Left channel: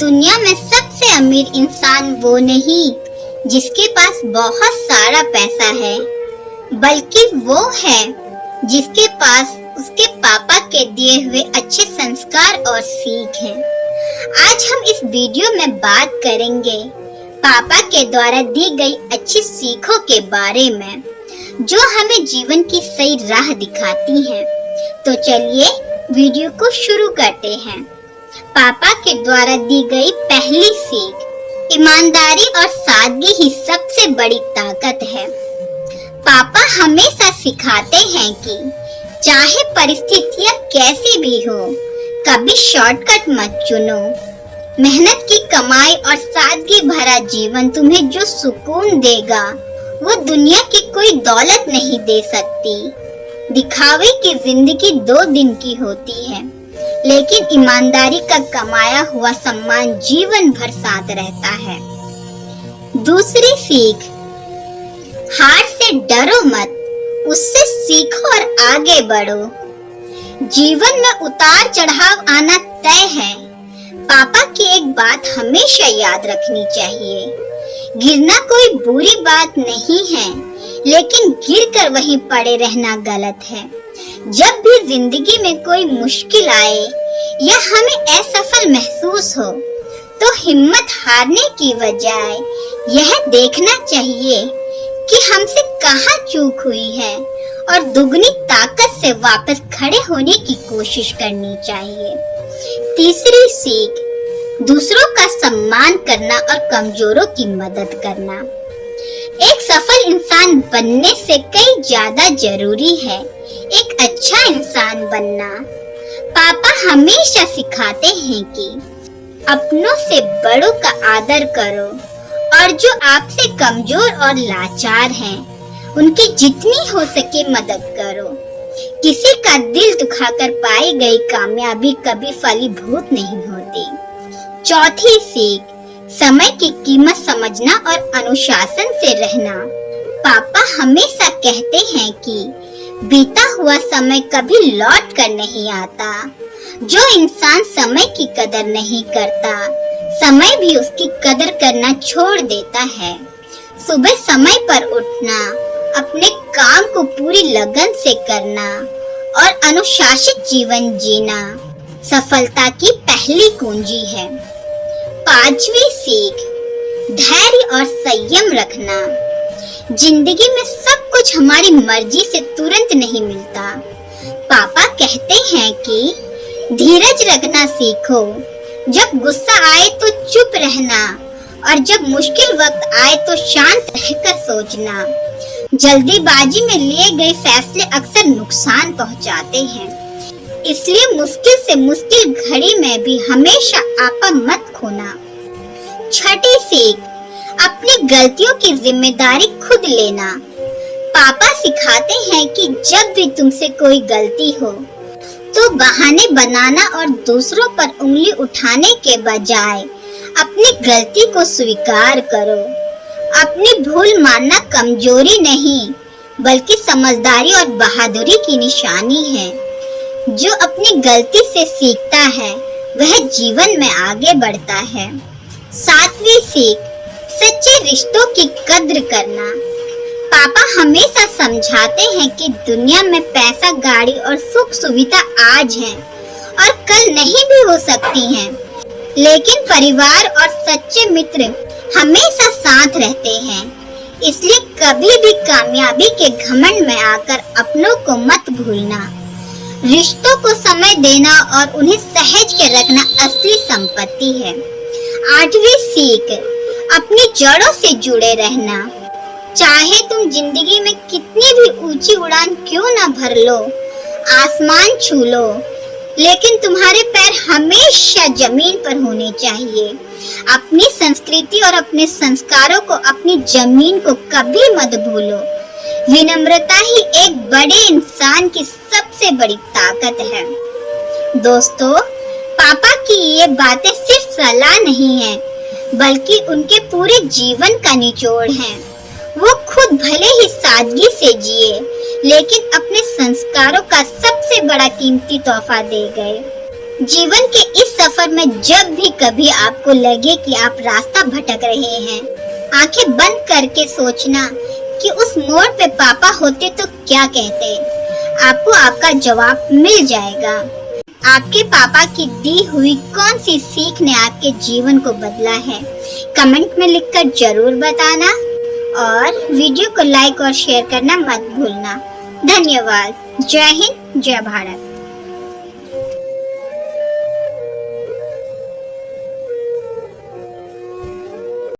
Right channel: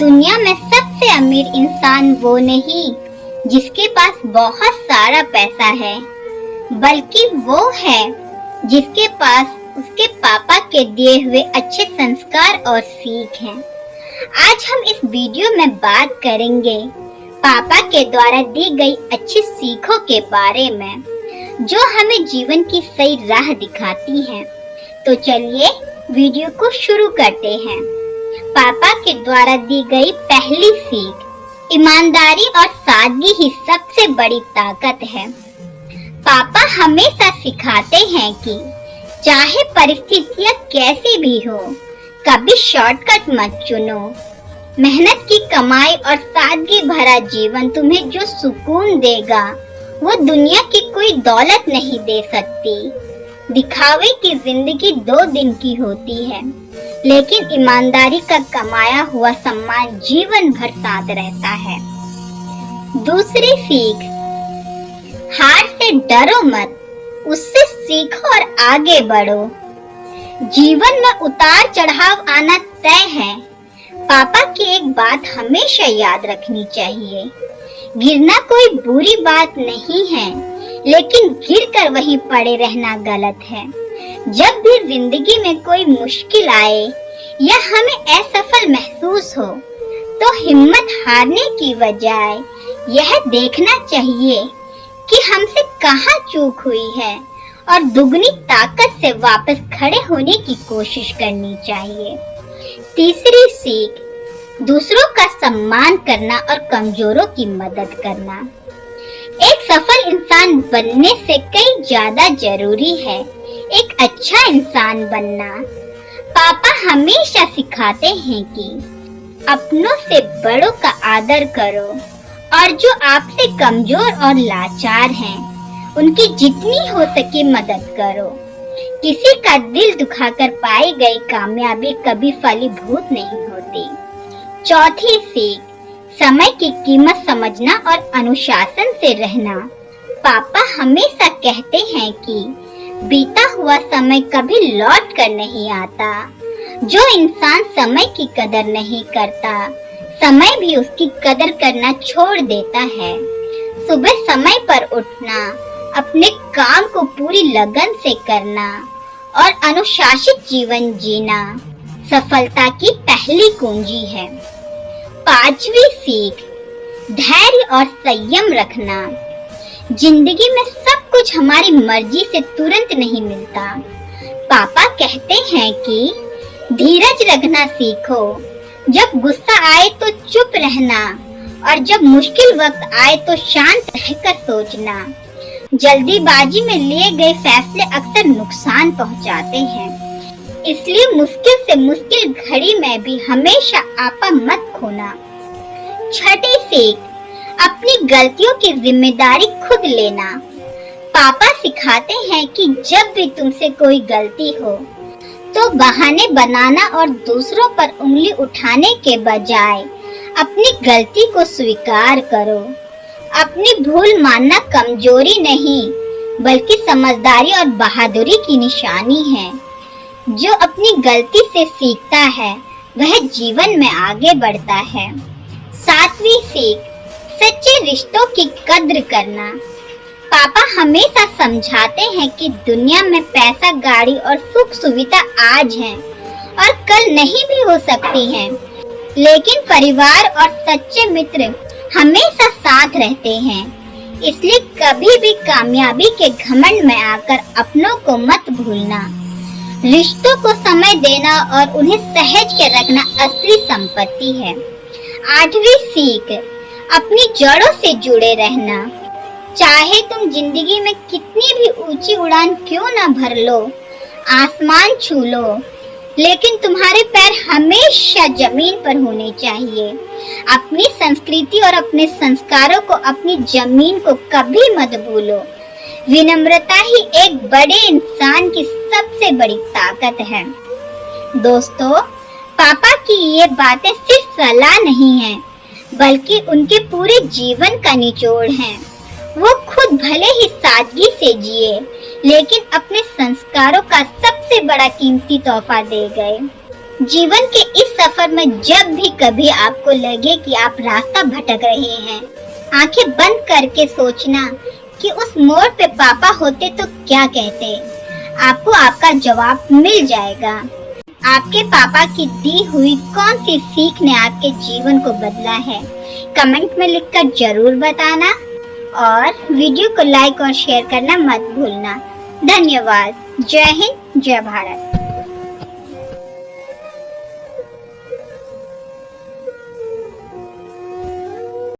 दुनिया में सबसे अमीर इंसान वो नहीं जिसके पास बहुत सारा पैसा है, बल्कि वो है जिसके पास उसके पापा के दिए हुए अच्छे संस्कार और सीख हैं। आज हम इस वीडियो में बात करेंगे पापा के द्वारा दी गई अच्छी सीखों के बारे में, जो हमें जीवन की सही राह दिखाती हैं। तो चलिए वीडियो को शुरू करते हैं। पापा के द्वारा दी गई पहली सीख, ईमानदारी और सादगी ही सबसे बड़ी ताकत है। पापा हमेशा सिखाते हैं कि चाहे परिस्थितियां कैसी भी हो, कभी शॉर्टकट मत चुनो। मेहनत की कमाई और सादगी भरा जीवन तुम्हें जो सुकून देगा, वो दुनिया की कोई दौलत नहीं दे सकती। दिखावे की जिंदगी 2 दिन की होती है, लेकिन ईमानदारी का कमाया हुआ सम्मान जीवन भर साथ रहता है। दूसरी सीख, हार से डरो मत, उससे सीखो और आगे बढ़ो। जीवन में उतार चढ़ाव आना तय है। पापा की एक बात हमेशा याद रखनी चाहिए, गिरना कोई बुरी बात नहीं है, लेकिन गिरकर वहीं पड़े रहना गलत है। जब भी जिंदगी में कोई मुश्किल आए या हमें असफल महसूस हो, तो हिम्मत हारने की बजाय यह देखना चाहिए कि हमसे कहाँ चूक हुई है और दुगनी ताकत से वापस खड़े होने की कोशिश करनी चाहिए। तीसरी सीख, दूसरों का सम्मान करना और कमजोरों की मदद करना। एक सफल इंसान बनने से कहीं ज्यादा जरूरी है एक अच्छा इंसान बनना। पापा हमेशा सिखाते हैं कि अपनों से बड़ों का आदर करो और जो आपसे कमजोर और लाचार हैं, उनकी जितनी हो सके मदद करो। किसी का दिल दुखाकर पाई गई कामयाबी कभी फलीभूत नहीं होती। चौथी सीख, समय की कीमत समझना और अनुशासन से रहना। पापा हमेशा कहते हैं कि बीता हुआ समय कभी लौट कर नहीं आता। जो इंसान समय की कदर नहीं करता, समय भी उसकी कदर करना छोड़ देता है। सुबह समय पर उठना, अपने काम को पूरी लगन से करना और अनुशासित जीवन जीना सफलता की पहली कुंजी है। पांचवी सीख, धैर्य और संयम रखना। जिंदगी में सब कुछ हमारी मर्जी से तुरंत नहीं मिलता। पापा कहते हैं कि धीरज रखना सीखो। जब गुस्सा आए तो चुप रहना और जब मुश्किल वक्त आए तो शांत रहकर सोचना। जल्दीबाजी में लिए गए फैसले अक्सर नुकसान पहुंचाते हैं, इसलिए मुश्किल से मुश्किल घड़ी में भी हमेशा आपा मत खोना। छठी सीख, अपनी गलतियों की जिम्मेदारी खुद लेना। पापा सिखाते हैं कि जब भी तुमसे कोई गलती हो, तो बहाने बनाना और दूसरों पर उंगली उठाने के बजाय अपनी गलती को स्वीकार करो। अपनी भूल मानना कमजोरी नहीं, बल्कि समझदारी और बहादुरी की निशानी है। जो अपनी गलती से सीखता है, वह जीवन में आगे बढ़ता है। सातवीं सीख, सच्चे रिश्तों की कद्र करना। पापा हमेशा समझाते हैं कि दुनिया में पैसा, गाड़ी और सुख सुविधा आज हैं और कल नहीं भी हो सकती हैं, लेकिन परिवार और सच्चे मित्र हमेशा साथ रहते हैं। इसलिए कभी भी कामयाबी के घमंड में आकर अपनों को मत भूलना। रिश्तों को समय देना और उन्हें सहेज के रखना असली संपत्ति है। आठवीं सीख, अपनी जड़ों से जुड़े रहना। चाहे तुम जिंदगी में कितनी भी ऊंची उड़ान क्यों न भर लो, आसमान छू लो, लेकिन तुम्हारे पैर हमेशा जमीन पर होने चाहिए। अपनी संस्कृति और अपने संस्कारों को, अपनी जमीन को कभी मत भूलो। विनम्रता ही एक बड़े इंसान की सबसे बड़ी ताकत है। दोस्तों, पापा की ये बातें सिर्फ सलाह नहीं है, बल्कि उनके पूरे जीवन का निचोड़ है। वो खुद भले ही सादगी से जिए, लेकिन अपने संस्कारों का सबसे बड़ा कीमती तोहफा दे गए। जीवन के इस सफर में जब भी कभी आपको लगे कि आप रास्ता भटक रहे हैं, आंखें बंद करके सोचना कि उस मोड़ पे पापा होते तो क्या कहते। आपको आपका जवाब मिल जाएगा। आपके पापा की दी हुई कौन सी सीख ने आपके जीवन को बदला है, कमेंट में लिखकर जरूर बताना और वीडियो को लाइक और शेयर करना मत भूलना। धन्यवाद। जय हिंद, जय भारत।